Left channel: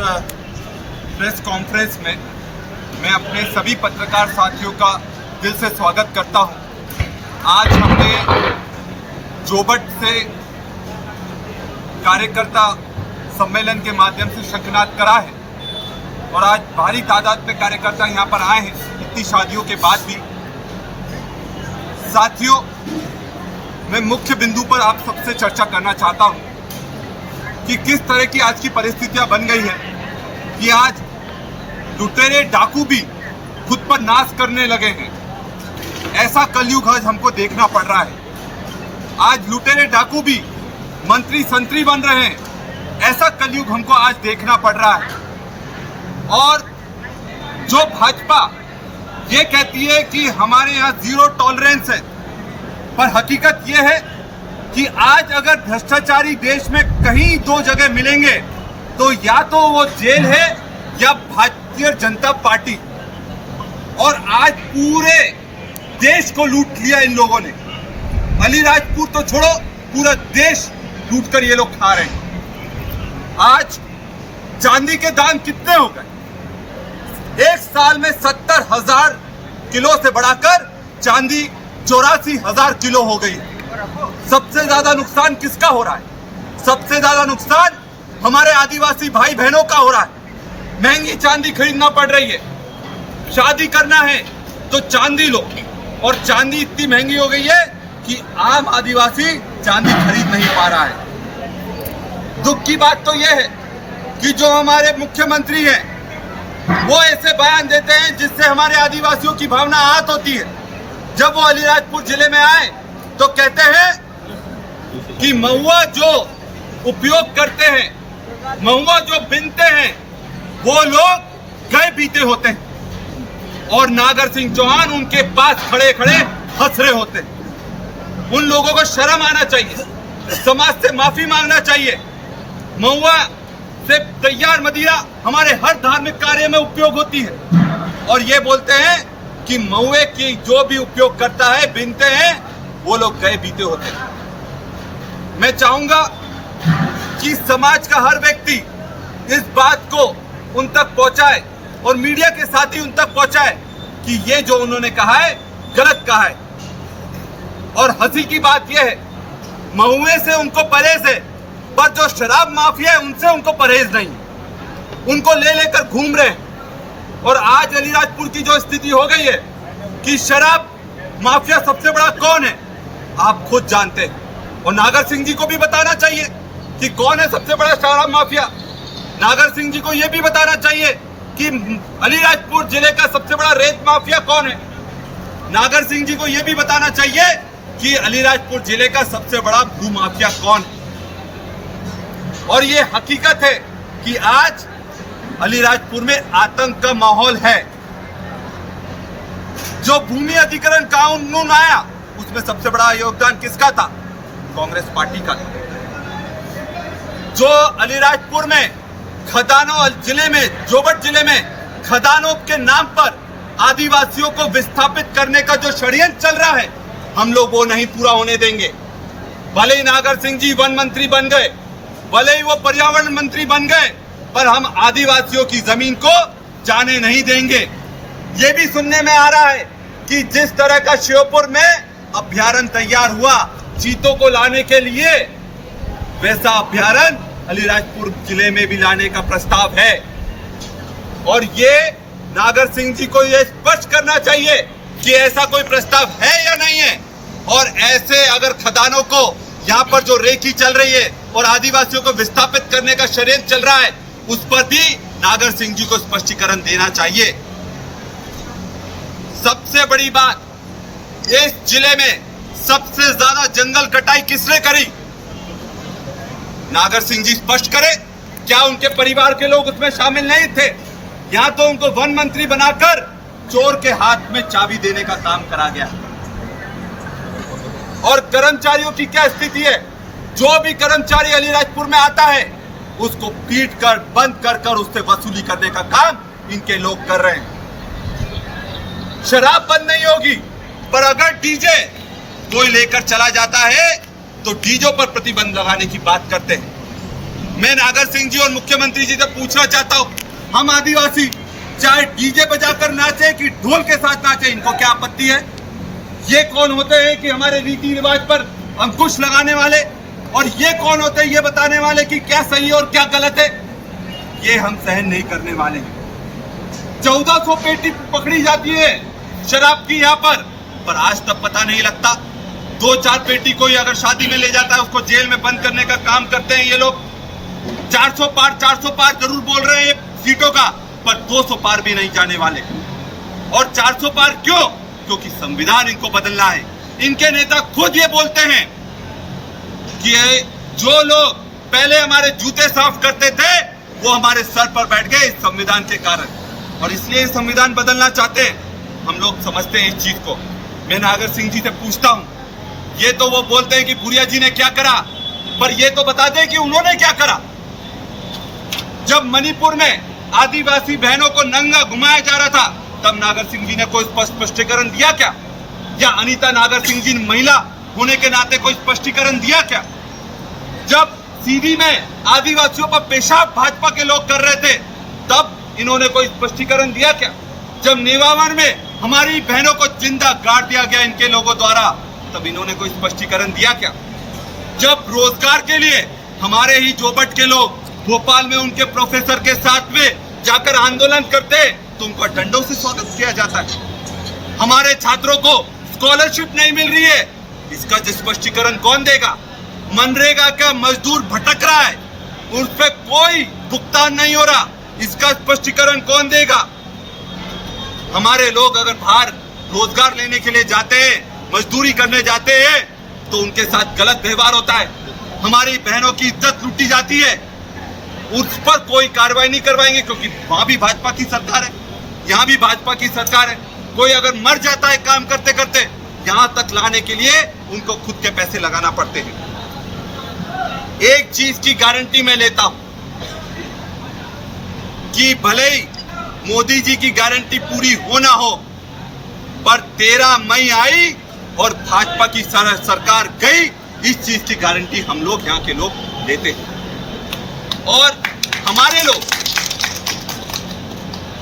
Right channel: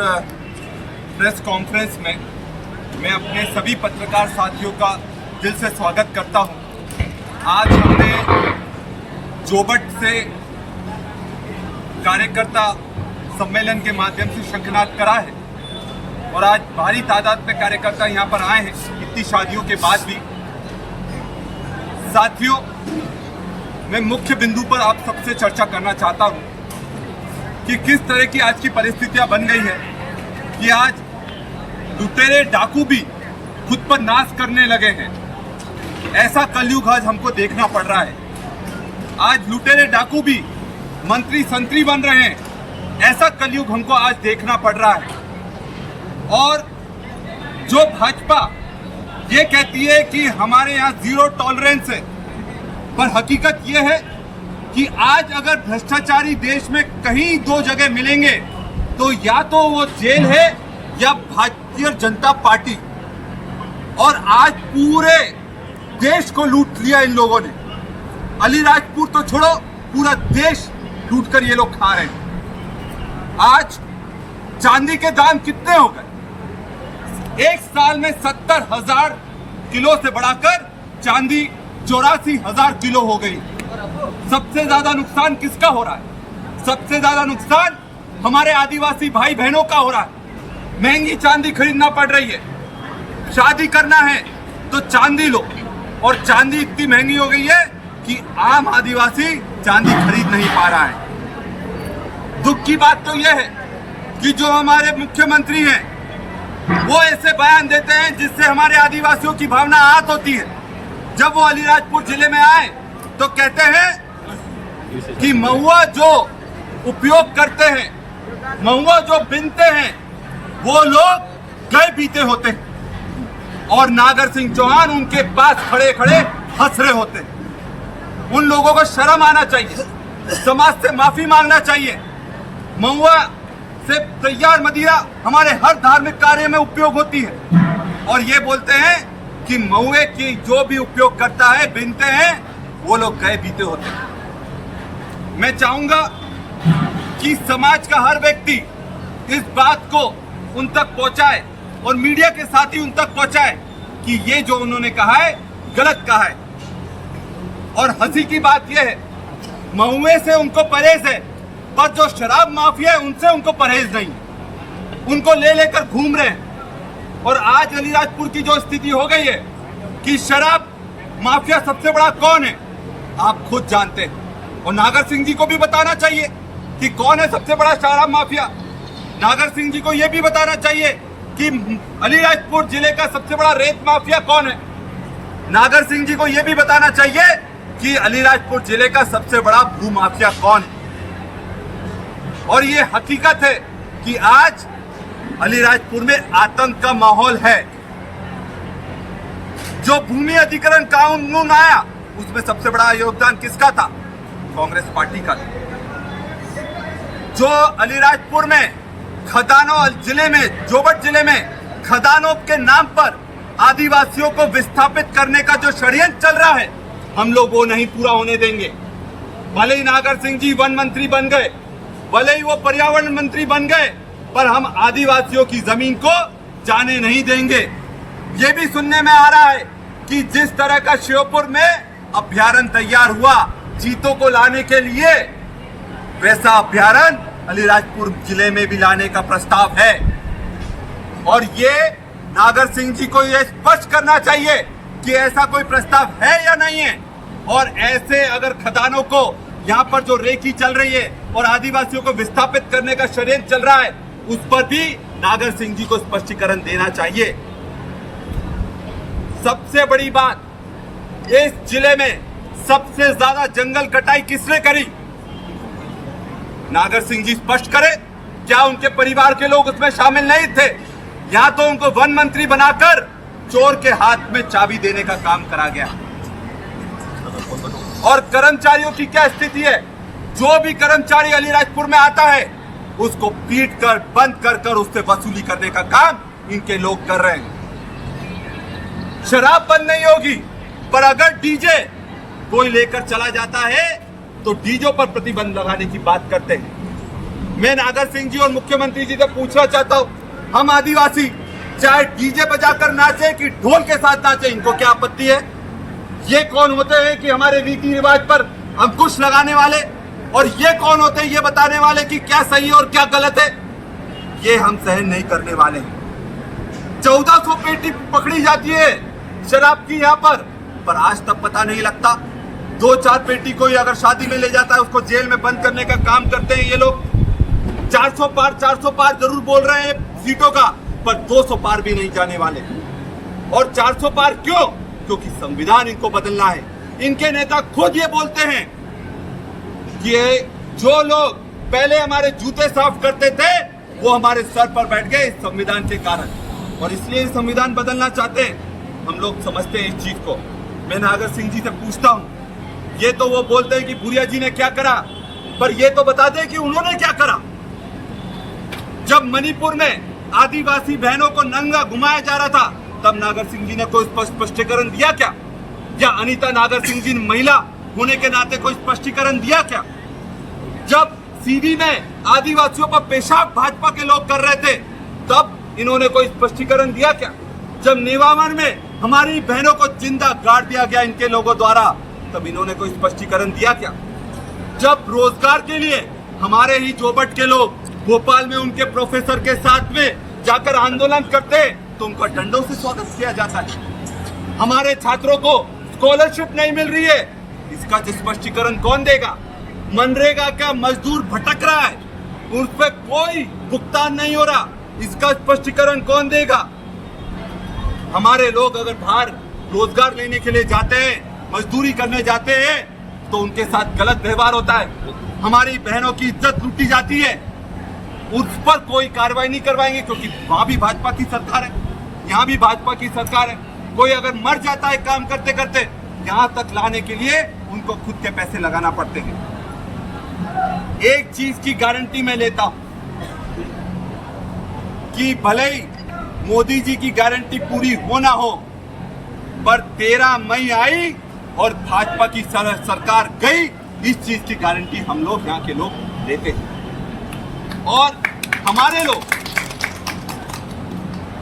Press conference में मैं अपने सभी पत्रकार साथियों का दिल से स्वागत करता हूं। आज हमने जोबट से कार्यकर्ता सम्मेलन के माध्यम से शंखनाद करा है और आज भारी तादाद में कार्यकर्ता यहां पर आए हैं इतनी शादियों के बाद भी। साथियों, मैं मुख्य बिंदु पर आप सबसे चर्चा करना चाहता हूं कि किस तरह की आज की परिस्थितियां बन गई है कि आज लुटेरे डाकू भी खुद पर नाश करने लगे हैं। ऐसा कलयुग आज हमको देखना पड़ रहा है। आज लुटेरे डाकू भी मंत्री संतरी बन रहे हैं। ऐसा कलयुग हमको आज देखना पड़ रहा है। और जो भाजपा ये कहती है कि हमारे यहाँ जीरो टॉलरेंस है, पर हकीकत ये है कि आज अगर भ्रष्टाचारी देश में कहीं दो जगह मिलेंगे तो या तो वो जेल है या भारतीय जनता पार्टी। और आज पूरे देश को लूट लिया इन लोगों ने। अलीराजपुर तो छोड़ो, पूरा देश लूट कर ये लोग खा रहे हैं। आज चांदी के दाम कितने हो गए? एक साल में 70,000 किलो से बढ़ाकर चांदी 84,000 किलो हो गई। सबसे ज्यादा नुकसान किसका हो रहा है? सबसे ज्यादा नुकसान हमारे आदिवासी भाई बहनों का हो रहा है। महंगी चांदी खरीदना पड़ रही है। शादी करना है तो चांदी लो, और चांदी इतनी महंगी हो गई है कि आम आदिवासी चांदी खरीद नहीं पा रहा है। दुख की बात तो यह है कि जो हमारे मुख्यमंत्री हैं वो ऐसे बयान देते हैं जिससे हमारे आदिवासियों की भावना आहत होती है। जब वो अलीराजपुर जिले में आए तो कहते हैं कि महुआ जो उपयोग करते हैं, महुआ जो बिनते हैं, वो लोग गए बीते होते हैं और नागर सिंह चौहान उनके पास खड़े खड़े हंस रहे होते हैं। उन लोगों को शर्म आना चाहिए, समाज से माफी मांगना चाहिए। महुआ से तैयार मदिरा हमारे हर धार्मिक कार्य में उपयोग होती है और ये बोलते हैं कि महुए की जो भी उपयोग करता है, बिनते हैं, वो लोग गए बीते होते हैं। मैं चाहूंगा कि समाज का हर व्यक्ति इस बात को उन तक पहुंचाए और मीडिया के साथ ही उन तक पहुंचाए कि ये जो उन्होंने कहा है गलत कहा है। और हंसी की बात यह है, महुए से उनको परहेज है, पर जो शराब माफिया है उनसे उनको परहेज नहीं। उनको ले लेकर घूम रहे हैं। और आज अलीराजपुर की जो स्थिति हो गई है कि शराब माफिया सबसे बड़ा कौन है, आप खुद जानते हैं। और नागर सिंह जी को भी बताना चाहिए कि कौन है सबसे बड़ा शराब माफिया। नागर सिंह जी को यह भी बताना चाहिए कि अलीराजपुर जिले का सबसे बड़ा रेत माफिया कौन है। नागर सिंह जी को यह भी बताना चाहिए कि अलीराजपुर जिले का सबसे बड़ा भू माफिया कौन है। और ये हकीकत है कि आज अलीराजपुर में आतंक का माहौल है। जो भूमि अधिग्रहण कानून आया उसमें सबसे बड़ा योगदान किसका था? कांग्रेस पार्टी का। जो अलीराजपुर में खदानों जिले में, जोबट जिले में खदानों के नाम पर आदिवासियों को विस्थापित करने का जो षड्यंत्र चल रहा है, हम लोग वो नहीं पूरा होने देंगे। भले ही नागर सिंह जी वन मंत्री बन गए, भले ही वो पर्यावरण मंत्री बन गए, पर हम आदिवासियों की जमीन को जाने नहीं देंगे। ये भी सुनने में आ रहा है कि जिस तरह का श्योपुर में अभ्यारण्य तैयार हुआ चीतों को लाने के लिए, वैसा अभ्यारण्य अलीराजपुर जिले में भी लाने का प्रस्ताव है। और ये नागर सिंह जी को ये स्पष्ट करना चाहिए कि ऐसा कोई प्रस्ताव है या नहीं है। और ऐसे अगर खदानों को यहाँ पर जो रेकी चल रही है और आदिवासियों को विस्थापित करने का षड्यंत्र चल रहा है, उस पर भी नागर सिंह जी को स्पष्टीकरण देना चाहिए। सबसे बड़ी बात, इस जिले में सबसे ज्यादा जंगल कटाई किसने करी? नागर सिंह जी स्पष्ट करें, क्या उनके परिवार के लोग उसमें शामिल नहीं थे? यहां तो उनको वन मंत्री बनाकर चोर के हाथ में चाबी देने का काम करा गया। और कर्मचारियों की क्या स्थिति है? जो भी कर्मचारी अलीराजपुर में आता है उसको पीट कर, बंद कर कर उससे वसूली करने का काम इनके लोग कर रहे हैं। शराब बंद नहीं होगी, पर अगर डीजे कोई लेकर चला जाता है तो डीजो पर प्रतिबंध लगाने की बात करते हैं। मैं नागर सिंह जी और मुख्यमंत्री जी से पूछना चाहता हूँ, हम आदिवासी चाहे डीजे बजाकर नाचे कि ढोल के साथ नाचे, इनको क्या आपत्ति है? ये कौन होते हैं कि हमारे रीति रिवाज पर अंकुश लगाने वाले, और ये कौन होते हैं ये बताने वाले कि क्या सही है और क्या गलत है? ये हम सहन नहीं करने वाले हैं। 1400 पेटी पकड़ी जाती है शराब की यहाँ पर आज तक पता नहीं लगता। 2-4 पेटी कोई अगर शादी में ले जाता है उसको जेल में बंद करने का काम करते हैं ये लोग। 400 पार जरूर बोल रहे हैं सीटों का, पर 200 पार भी नहीं जाने वाले। और 400 पार क्यों? क्योंकि संविधान इनको बदलना है। इनके नेता खुद ये बोलते हैं कि जो लोग पहले हमारे जूते साफ करते थे वो हमारे सर पर बैठ गए इस संविधान के कारण, और इसलिए संविधान बदलना चाहते हैं। हम लोग समझते हैं इस चीज को। मैं नागर सिंह जी से पूछता हूं, ये तो वो बोलते हैं कि भूरिया जी ने क्या करा, पर ये तो बता दें कि उन्होंने क्या करा। जब मणिपुर में आदिवासी बहनों को नंगा घुमाया जा रहा था तब नागर सिंह जी ने कोई स्पष्टीकरण दिया क्या? या अनीता नागर सिंह जी ने महिला होने के नाते कोई स्पष्टीकरण दिया क्या? जब सीधी में आदिवासियों पर पेशाब भाजपा के लोग कर रहे थे तब इन्होंने कोई स्पष्टीकरण दिया क्या? जब नेवावन में हमारी बहनों को जिंदा गाड़ दिया गया इनके लोगों द्वारा तब इन्होंने कोई स्पष्टीकरण दिया क्या? जब रोजगार के लिए हमारे ही जोबट के लोग भोपाल में उनके प्रोफेसर के साथ में जाकर आंदोलन करते तो उनका डंडों से स्वागत किया जाता है। हमारे छात्रों को स्कॉलरशिप नहीं मिल रही है, इसका स्पष्टीकरण कौन देगा? मनरेगा का मजदूर भटक रहा है, उस पर कोई भुगतान नहीं हो रहा, इसका स्पष्टीकरण कौन देगा? हमारे लोग अगर बाहर रोजगार लेने के लिए जाते हैं, मजदूरी करने जाते हैं तो उनके साथ गलत व्यवहार होता है, हमारी बहनों की इज्जत लूटी जाती है, उस पर कोई कार्रवाई नहीं करवाएंगे क्योंकि वहां भी भाजपा की सरकार है, यहाँ भी भाजपा की सरकार है। कोई अगर मर जाता है काम करते करते, यहां तक लाने के लिए उनको खुद के पैसे लगाना पड़ते हैं। एक चीज की गारंटी मैं लेता हूं कि भले ही मोदी जी की गारंटी पूरी हो ना हो, पर 13 मई आई और भाजपा की सरकार गई, इस चीज की गारंटी हम लोग यहाँ के लोग लेते हैं। और हमारे लोग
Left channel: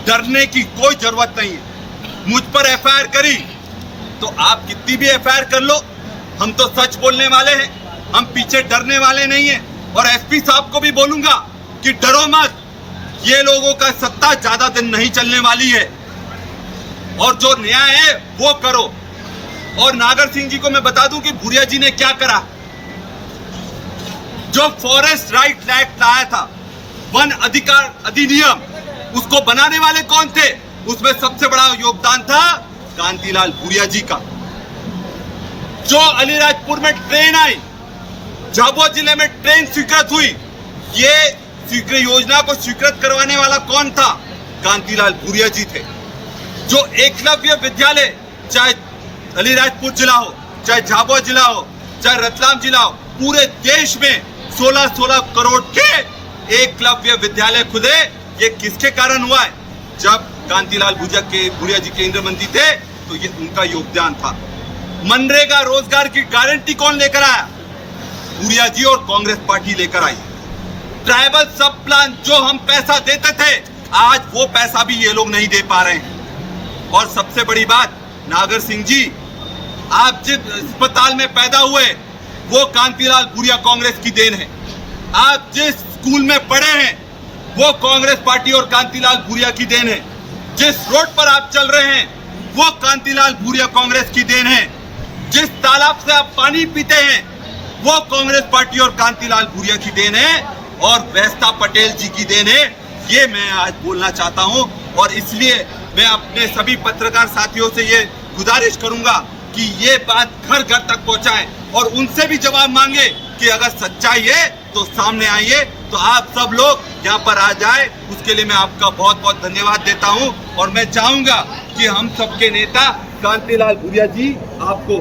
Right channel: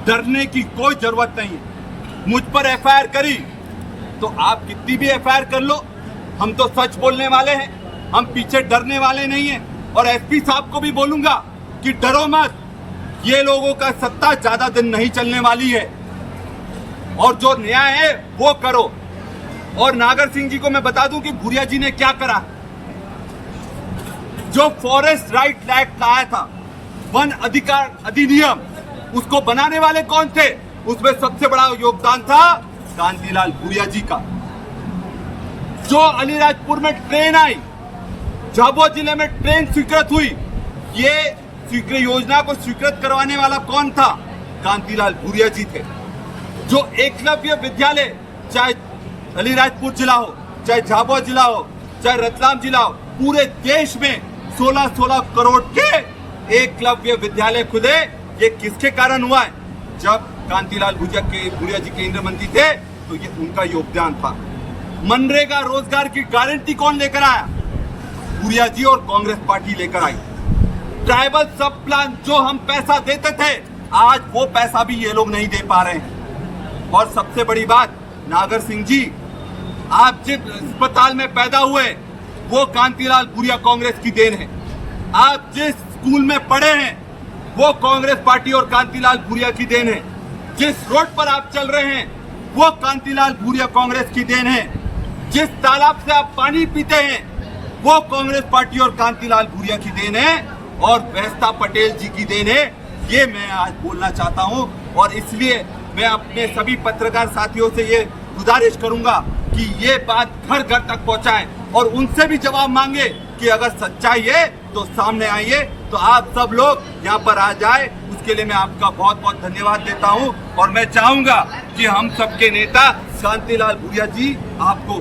डरने की कोई जरूरत नहीं है। मुझ पर एफआईआर करी तो आप कितनी भी एफआईआर कर लो, हम तो सच बोलने वाले हैं, हम पीछे डरने वाले नहीं हैं। और एसपी साहब को भी बोलूंगा कि डरो मत, ये लोगों का सत्ता ज्यादा दिन नहीं चलने वाली है और जो न्याय है वो करो। और नागर सिंह जी को मैं बता दूं कि भूरिया जी ने क्या करा। जो फॉरेस्ट राइट एक्ट लाया था, वन अधिकार अधिनियम, उसको बनाने वाले कौन थे? उसमें सबसे बड़ा योगदान था कांतिलाल भूरिया जी का। जो अलीराजपुर में ट्रेन आई, झाबुआ जिले में ट्रेन स्वीकृत हुई, ये योजना को स्वीकृत करवाने वाला कौन था? कांतिलाल भूरिया जी थे। जो एकलव्य विद्यालय, चाहे अलीराजपुर जिला हो, चाहे झाबुआ जिला हो, चाहे रतलाम जिला हो, पूरे देश में 16-16 करोड़ के एकलव्य विद्यालय खुले, ये किसके कारण हुआ है? जब कांतिलाल भूरिया जी केंद्रीय मंत्री थे तो ये उनका योगदान था। मनरेगा रोजगार की गारंटी कौन लेकर आया? भूरिया जी और कांग्रेस पार्टी लेकर आई। ट्राइबल सब प्लान जो हम पैसा देते थे, आज वो पैसा भी ये लोग नहीं दे पा रहे हैं। और सबसे बड़ी बात, नागर सिंह जी, आप जिस अस्पताल में पैदा हुए वो कांतिलाल भूरिया कांग्रेस की देन है। आप जिस स्कूल में पढ़े हैं वो कांग्रेस पार्टी और कांतिलाल भूरिया की देन है। जिस रोड पर आप चल रहे हैं वो कांतिलाल भूरिया कांग्रेस की देन है। जिस तालाब से आप पानी पीते हैं वो कांग्रेस पार्टी और कांतिलाल भूरिया की देन है और वैस्ता पटेल जी की देन है। ये मैं आज बोलना चाहता हूं और इसलिए मैं अपने सभी पत्रकार साथियों से ये गुजारिश करूंगा कि ये बात घर घर तक पहुंचाएं और उनसे भी जवाब मांगे कि अगर सच्चाई है तो सामने आइए, तो आप सब लोग यहाँ पर आ जाए। उसके लिए मैं आपका बहुत बहुत धन्यवाद देता हूँ और मैं चाहूंगा कि हम सबके नेता कांतिलाल भूरिया जी आपको